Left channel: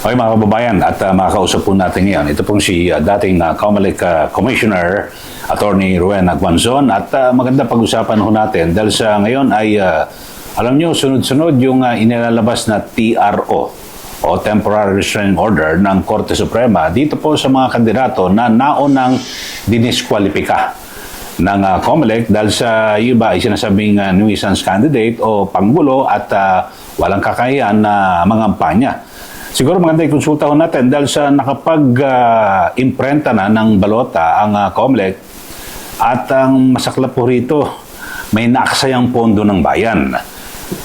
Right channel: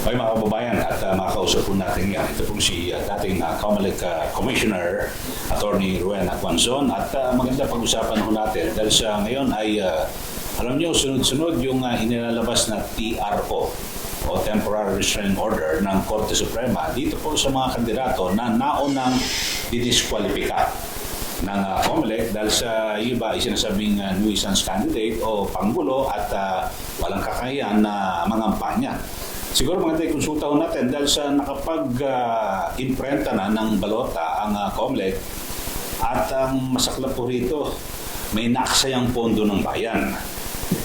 Okay mga kababayan, at makakausap po natin ngayon. Ito pong si dating COMELEC Commissioner, Attorney Ruen Aguanzon. At maganda pag-usapan ho natin dahil sa ngayon ay, alam nyo, sunod-sunod yung inilalabas na TRO o Temporary Restraining Order ng Korte Suprema dito po sa mga kandidato na naunang diniskwalipika ng COMELEC dahil sa iba ay sinasabing nuisance candidate o panggulo at walang kakayahan na mangampanya. Siguro maganda i-konsulta ho natin dahil sa nakapag-imprenta na ng balota ang COMELEC at ang masaklap po rito, may naaksayang pondo ng bayan.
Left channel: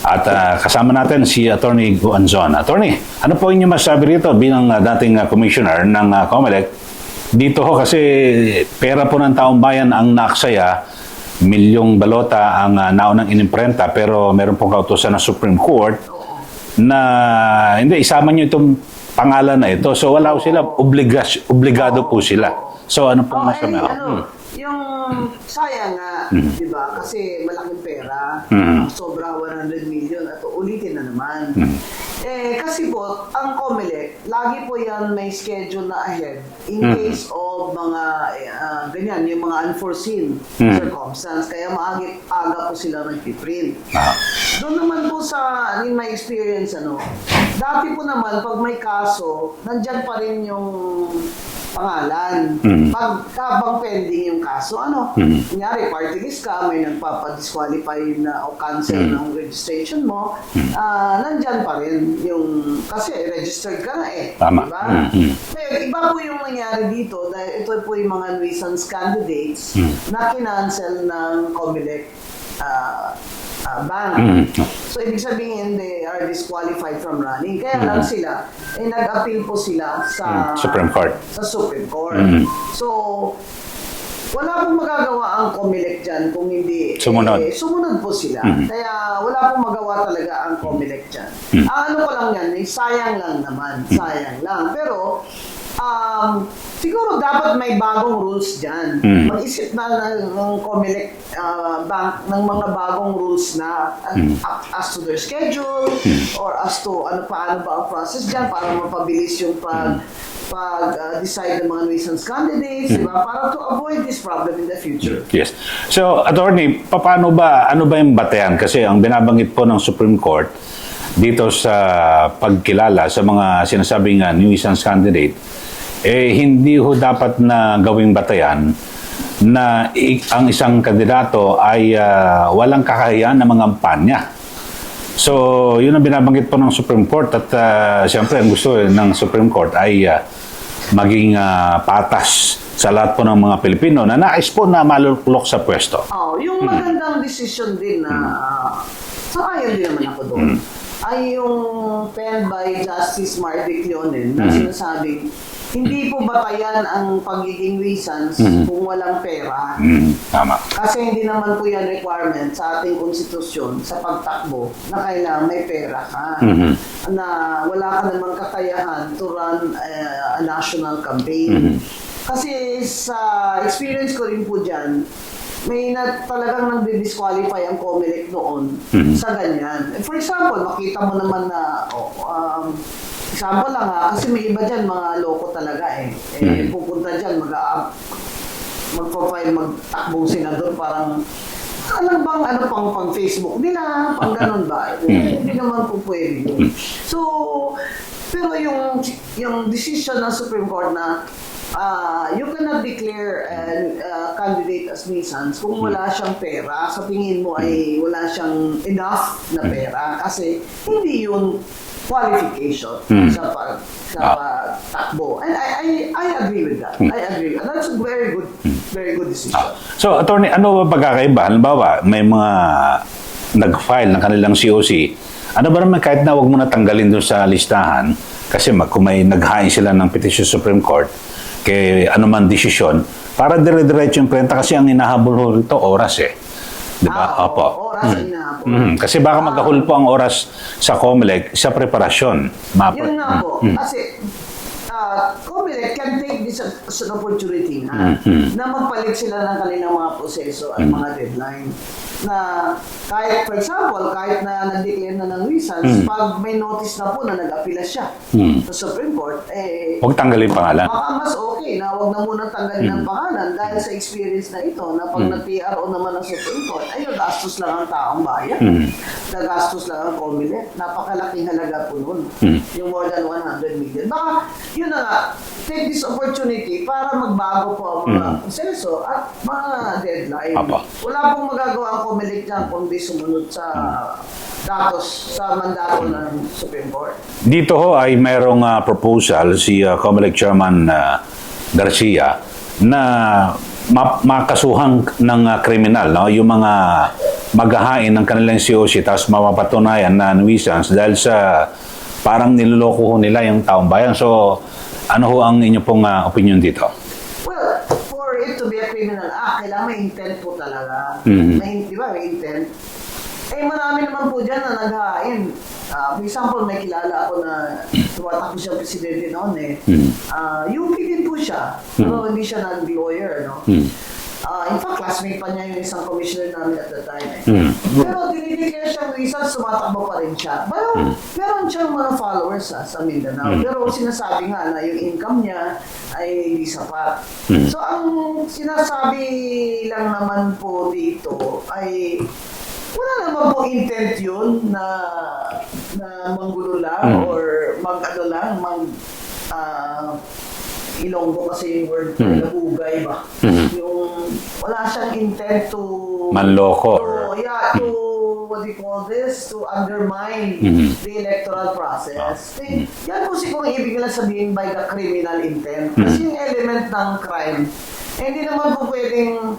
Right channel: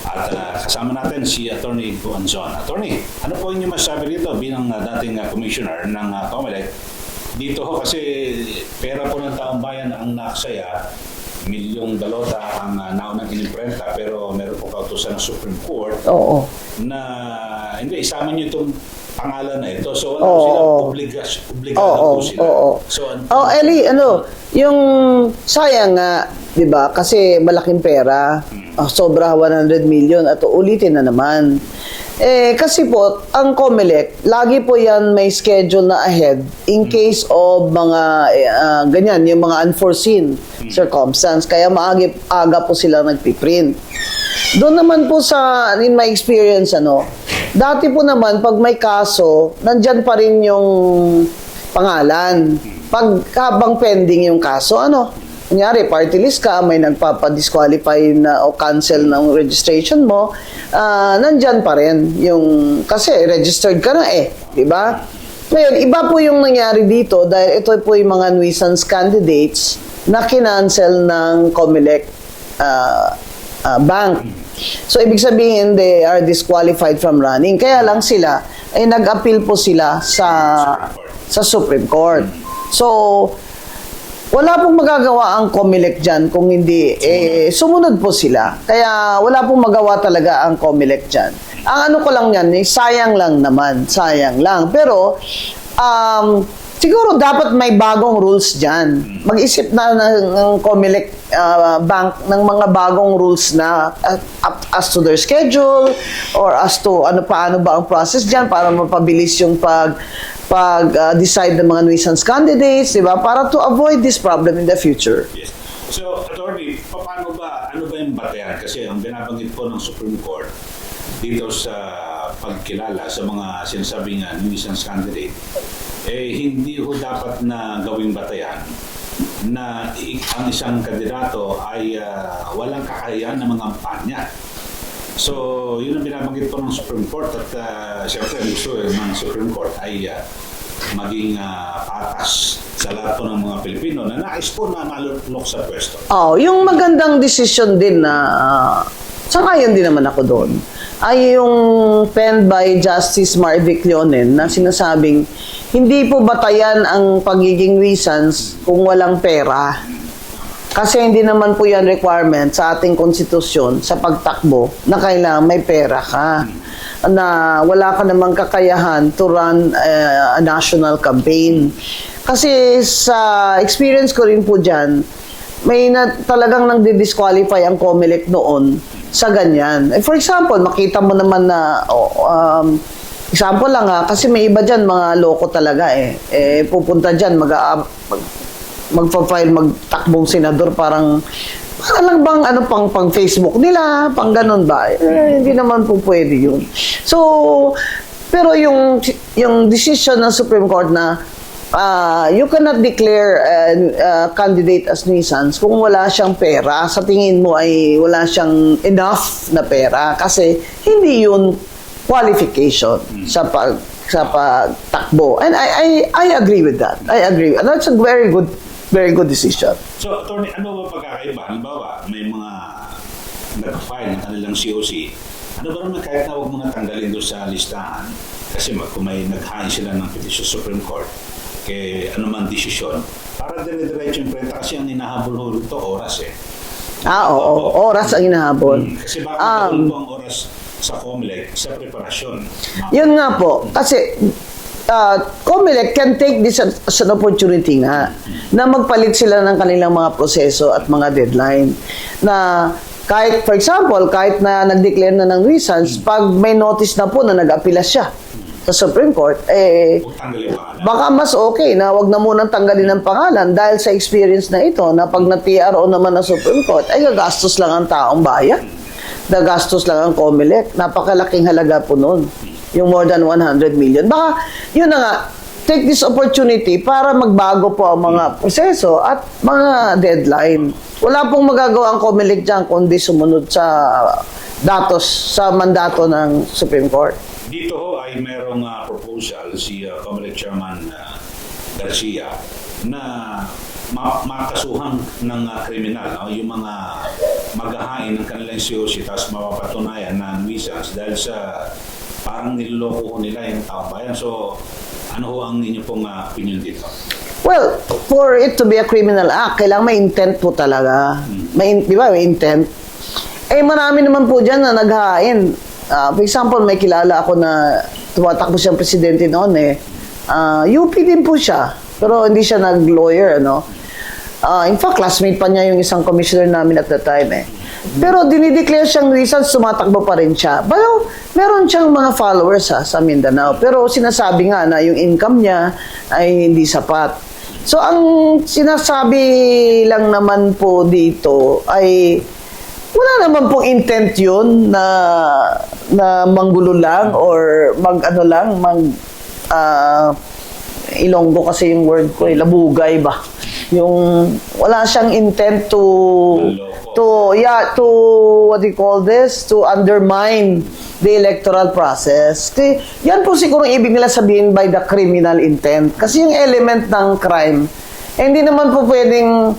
At kasama natin si Attorney Aguanzon. Attorney, ano po inyong masasabi rito bilang dating commissioner ng COMELEC? Dito ho kasi pera po ng taong bayan ang naaksaya, milyong balota ang naunang inimprenta pero meron pong kautusan ng Supreme Court na hindi, isama nyo itong pangalan na ito. So wala sila, obligado po sila. So ano po? Eli, yung sayang nga, di ba? Kasi malaking pera, sobra 100 million at ulitin na naman. Kasi po, ang COMELEC, lagi po yan may schedule na ahead in case of mga ganyan, yung mga unforeseen circumstance. Kaya aga po sila nagpiprint. Doon naman po sa, in my experience, dati po naman, pag may kaso, nandyan pa rin yung pangalan. Pag habang pending yung kaso, kunyari, party list ka, may nagpapadisqualify na o cancel ng registration mo, nandyan pa rin yung, kasi registered ka na diba? Ngayon, iba po yung nangyari dito dahil ito po yung mga nuisance candidates na kinancel ng COMELEC bank. So, ibig sabihin, they are disqualified from running. Kaya lang sila, ay nag-appeal po sila sa Supreme Court. Sa Supreme Court. So, wala pong magagawa ang COMELEC dyan kung hindi sumunod po sila. Kaya wala pong magawa talaga ang COMELEC dyan. Ang ano ko lang yan, sayang lang naman. Sayang lang. Pero, siguro dapat may bagong rules dyan. Mag-isip na ng COMELEC bank ng mga bagong rules na as to their schedule or as to paano ba ang process dyan para mapabilis yung pag-decide ng mga nuisance candidates, di ba? Para to avoid this problem in the future. Yes. So, Attorney, ano ba yung batayan? Kasi ang binabanggit po ng Supreme Court dito sa pagkilala sa mga sinasabing nuisance candidate, hindi ho dapat na gawing batayan na ang isang kandidato ay walang kakayahan na mangampanya. So, yun ang binabanggit po ng Supreme Court at siyempre ang gusto ng Supreme Court ay maging patas sa lahat po ng mga Pilipino na nais po na malulok sa pwesto. Yung magandang decision din na sangayon din naman ako doon ay yung penned by Justice Marvic Leonen na sinasabing hindi po batayan ang pagiging nuisance kung walang pera. Tama. Kasi hindi naman po yan requirement sa ating konstitusyon sa pagtakbo na kailangan may pera ka. Na wala ka namang kakayahan to run a national campaign. Kasi sa experience ko rin po dyan, may talagang nang disqualify ang COMELEC noon sa ganyan. For example, makita mo naman na example lang kasi may iba dyan, mga loko talaga pupunta dyan, magpa-file, magtakbong senador, parang alam bang pang Facebook nila, pang ganun ba? Hindi naman po pwede yun. So, pero yung decision ng Supreme Court na you cannot declare a candidate as nuisance kung wala siyang pera. Sa tingin mo ay wala siyang enough na pera kasi hindi yun qualification sa pagtakbo. And I agree with that. I agree. And that's a very good decision. So, Attorney, ano ba pagkakaiba? Halimbawa, may mga nag-file ng kanilang COC. Ano ba naman kahit na huwag mo na tanggalin doon sa listahan kasi kung may naghain sila ng petition sa Supreme Court kay anuman desisyon, para dire-diretso yung prenta kasi ang hinahabol rito oras Oras ang hinahabol. Kasi baka magkahul po ang oras sa COMELEC sa preparasyon. Yun nga po. Kasi COMELEC can take this as an opportunity na magpalit sila ng kanilang mga proseso at mga deadline na kahit, for example, kahit na nag-declare na ng nuisance, pag may notice na po na nag-apila siya sa Supreme Court, Huwag tanggalin pangalan. baka mas okay na wag na munang tanggalin ng pangalan dahil sa experience na ito na pag na-TRO naman ng Supreme Court, ay gagastos lang ang taong bayan. Gagastos lang ang COMELEC. Napakalaking halaga po nun. Yung more than 100 million. Baka, yun na nga, take this opportunity para magbago po ang mga proseso at mga deadline. Apa. Wala pong magagawa ang COMELEC dyan kundi sumunod sa datos, sa mandato ng Supreme Court. Dito ho ay mayroong proposal si COMELEC Chairman Garcia na makasuhan ng kriminal, no? Yung mga maghahain ng kanilang COC tapos mapapatunayan na nuisance dahil sa parang niloloko ho nila yung taong bayan. So, ano ho ang inyo pong opinion dito? Well, for it to be a criminal act, kailangan may intent po talaga. Di ba, may intent. Marami naman po dyan na naghahain. For example, may kilala ako na tumatakbo siyang presidente noon UP din po siya. Pero hindi siya nag-lawyer, ano? In fact, classmate pa niya yung isang commissioner namin at the time Pero dinideclare siyang nuisance, sumatakbo pa rin siya. Pero meron siyang mga followers sa Mindanao. Pero sinasabi nga na yung income niya ay hindi sapat. So ang sinasabi lang naman po dito ay wala naman pong intent yun na manggulo lang or Ilonggo kasi yung word ko, labugay ba? Yung wala siyang intent to manloko. What do you call this? To undermine the electoral process. Yan po siguro ibig nila sabihin by the criminal intent. Kasi yung element ng crime, hindi naman po pwedeng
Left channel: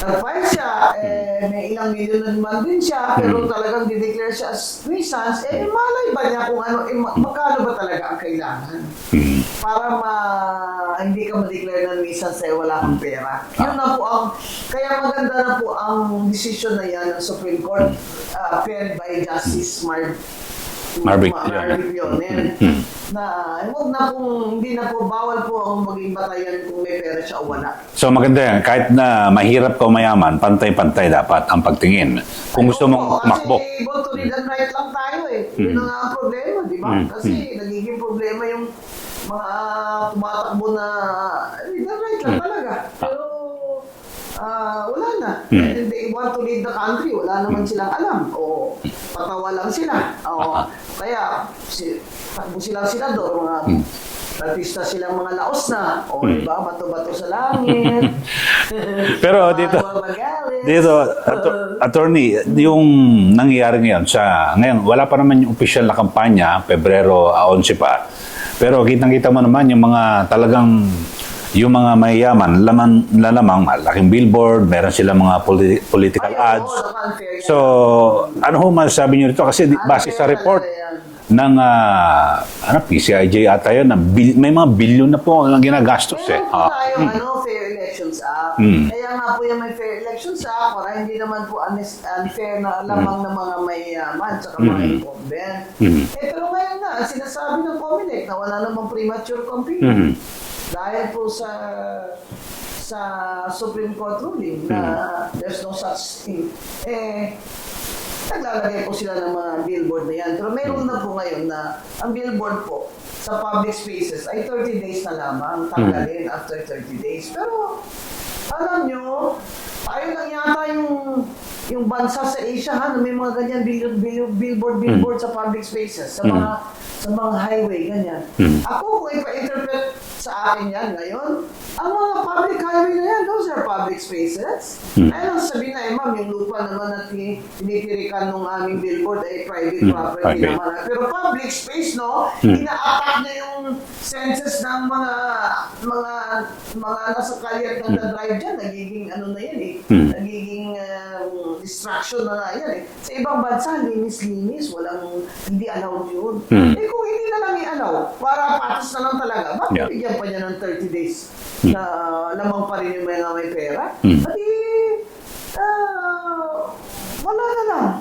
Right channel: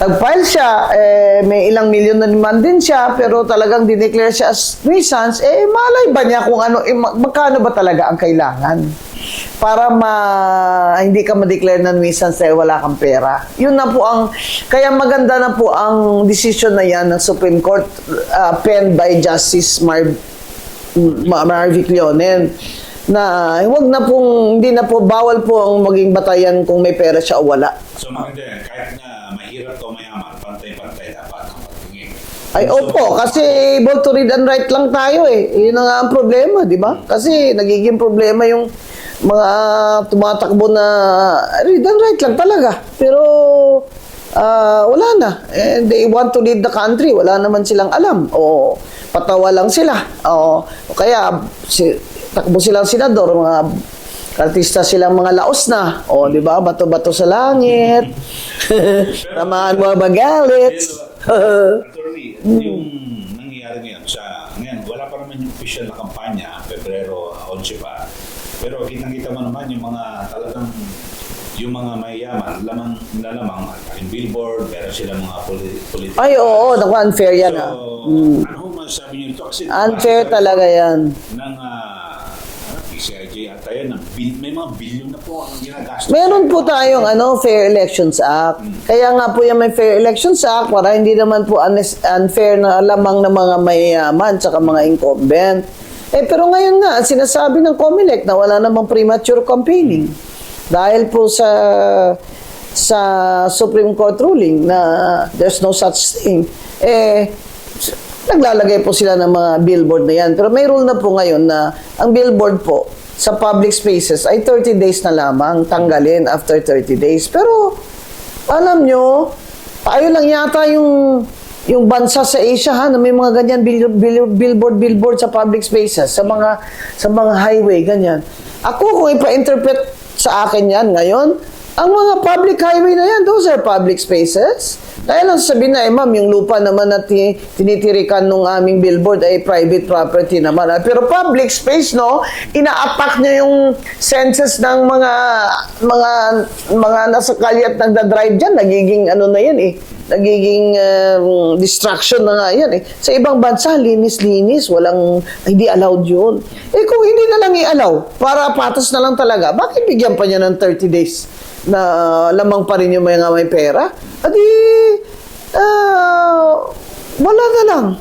nag-file siya, may ilang milyon na naman din siya, pero talagang dineclare siya as nuisance, malay ba niya kung ano, magkano ba talaga ang kailangan? Para hindi ka ma-declare na nuisance dahil wala kang pera. Yun na po kaya maganda na po ang decision na yan ng Supreme Court, penned by Justice Marvic Leonen, na hindi na po, bawal po ang maging batayan kung may pera siya o wala. So maganda yan, kahit na mahirap ka o mayaman, pantay-pantay dapat ang pagtingin. Ay, Kung gusto mo opo, kasi tumakbo, able to read and write lang tayo Yun na nga ang problema, di ba? Kasi nagiging problema yung mga tumatakbo na read and write lang talaga. Pero wala na. They want to lead the country. Wala naman silang alam. O patawa lang sila. O kaya takbo silang senador, mga artista silang mga laos na. O, di ba? Bato-bato sa langit. Pero mga magalit. Dito, attorney, yung nangyayari ngayon, wala pa naman yung official na kampanya, Pebrero 11 pa. Pero kitang-kita mo naman yung mga talagang yung mga mayayaman, lamang malaking billboard, meron silang mga political ads. Oo, unfair yan. So, ano ho masasabi niyo rito? Kasi base unfair sa report talaga yan. ng PCIJ ata yun, may mga bilyon na po ang ginagastos. Meron po tayong Fair Elections Act. Kaya nga po yung may Fair Elections Act para hindi naman po unfair na lamang ng mga mayayaman tsaka mga incumbent. Pero ngayon nga, sinasabi ng COMELEC na wala namang premature campaigning. Dahil po sa Supreme Court ruling na there's no such thing, naglalagay po sila ng mga billboard na yan. Pero may rule na po ngayon na ang billboard po sa public spaces ay 30 days na lamang tanggalin after 30 days. Pero alam nyo, tayo lang yata yung bansa sa Asia na may mga ganyan billboard sa public spaces, sa mga highway ganyan. Ako kung ipa-interpret sa akin yan ngayon, ang mga public highway na yan, those are public spaces. Kaya lang sabihin na, ma'am, yung lupa naman na tinitirikan nung aming billboard ay private property naman. Pero public space, no? Ina-attack niya yung senses ng mga nasa kalye at nagda-drive dyan. Nagiging nagiging distraction na nga yan Sa ibang bansa, linis-linis. Hindi allowed yun. Kung hindi na lang i-allow, para patas na lang talaga, bakit bigyan pa niya ng 30 days? Na lamang pa rin yung may pera, wala na lang.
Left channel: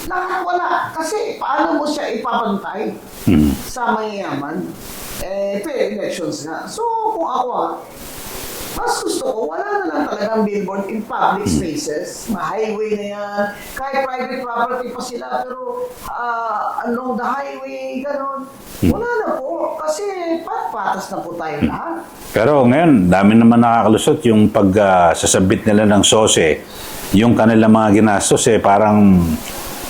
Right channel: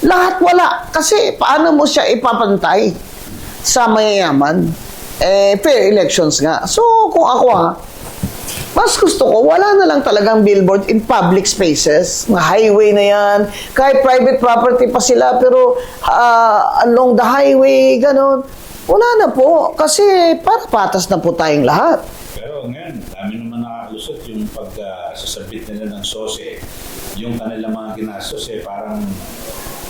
Lahat wala. Kasi paano mo siya ipapantay sa mayayaman? Fair elections nga. So, kung ako Mas gusto ko, wala na lang talagang billboard in public spaces. Mga highway na yan. Kahit private property pa sila, pero along the highway, gano'n. Wala na po. Kasi para patas na po tayong lahat. Pero ngayon, dami naman nakakalusot yung sasabit nila ng SOSE. Yung kanilang mga ginastos, parang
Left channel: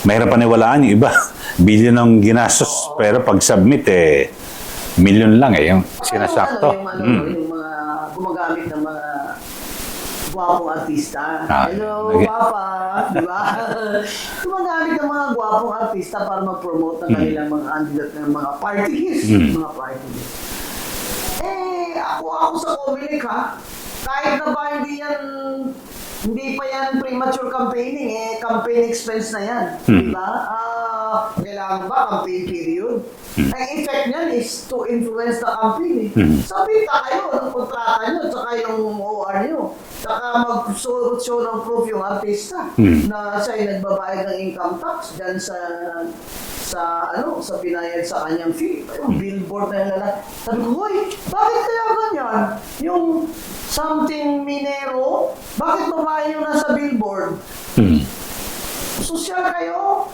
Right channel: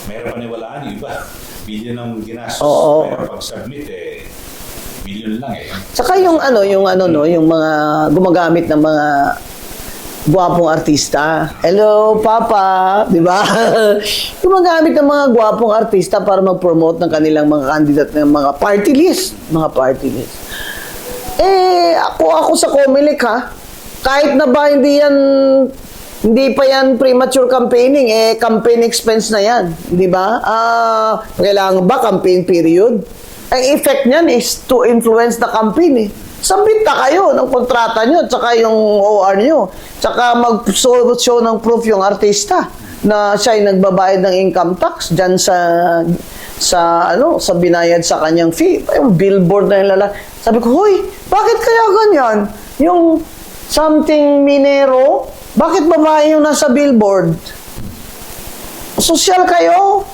mahirap paniwalaan yung iba. Billion ang ginastos. Oo. Pero pag submit, million lang Yung Saka yung sinasakto. yung mga gumagamit ng mga gwapong artista. Ah, Hello, okay. Papa, di ba? Gumagamit ng mga gwapong artista para mag-promote ng kanilang mga candidate ng mga party list. Mga party list. Ako sa Comelec ha, kahit na ba hindi pa yan premature campaigning, campaign expense na yan. Di ba? Kailangan ba campaign period? Ang effect niyan is to influence the campaign. Submit na kayo ng kontrata nyo, tsaka yung OR nyo. Tsaka mag-show ng proof yung artista na siya ay nagbabayad ng income tax dyan sa binayad sa kanyang fee. Yung billboard na yung Sabi ko, hoy, bakit kaya ganyan? Yung something minero, bakit babae yung nasa billboard? Sosyal kayo?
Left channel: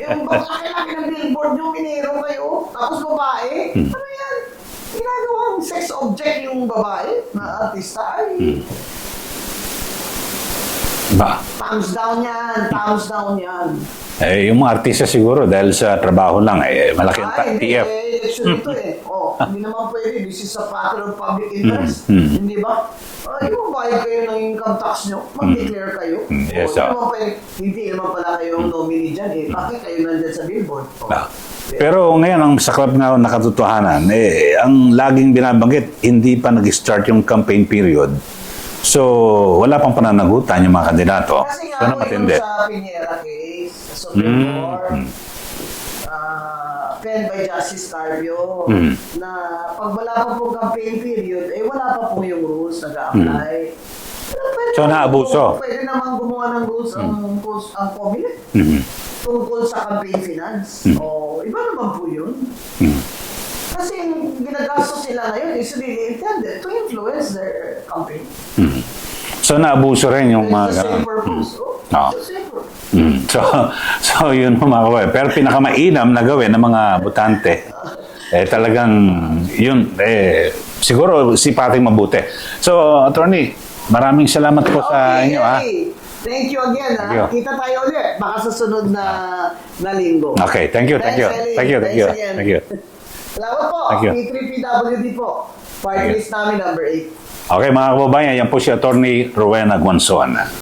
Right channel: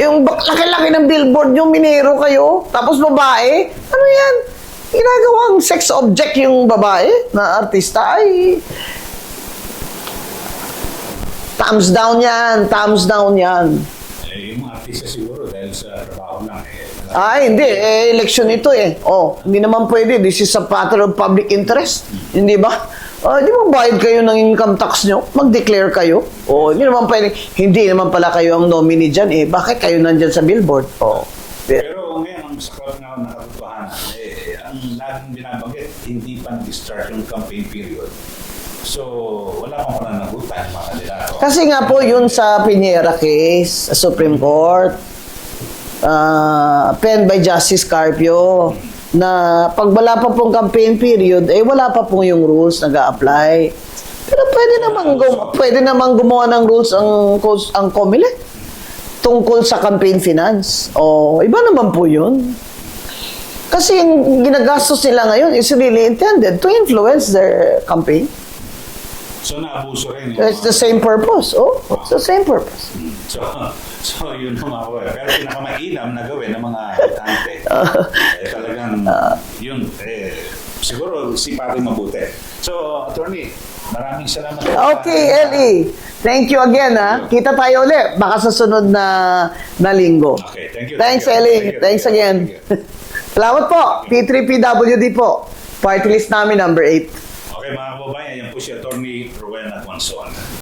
Yung laki-laki ng billboard yung minero kayo, tapos babae? Ano yan? Ginagawang sex object yung babae na artista ay thumbs down yan, thumbs down yan. Yung mga artista siguro dahil sa trabaho lang, malaking Hindi. PF. Election ito hindi naman pwede. This is a matter of public interest. Hindi ba? Di ba bayad kayo ng income tax nyo? Mag-declare kayo. Yes, Di naman pwede. Hindi naman pala kayo ang nominee dyan. Bakit kayo nandyan sa billboard? Pero ngayon, ang saklap nga na katotohanan, ang laging binabanggit, hindi pa nag-start yung campaign period. So, wala pang pananagutan yung mga kandidato. Kasi nga po, yun sa Piñera case, sa Supreme Court, penned by Justice Carpio, na pag wala pa pong campaign period, wala pa pong yung rules nag-a-apply. Pero pwede namang gumawa ng rules ang Comelec tungkol sa campaign finance. Iba naman po yun. Kasi yung ginagastos nila ngayon is really intended to influence their campaign. So, naabuso rin yung It's the same purpose. It's the same purpose. So yun mga kabayan. Pero pinakamainam na gawin ng mga botante, talagang yun, siguro sipating mabuti. So, Attorney, maraming salamat po sa Okay, inyo. Eddie. Thank you again, ha? Thank you. Kita tayo ulit. Baka sa sunod na linggo. Okay, thank you. Thanks, thank you. Ellie. Thank you, Thanks again. Thank you. Salamat po. Thank you. P3PWD po. Party list namin number 8. Okay, mga kababayan, yan po si Attorney Rowena Guanzon.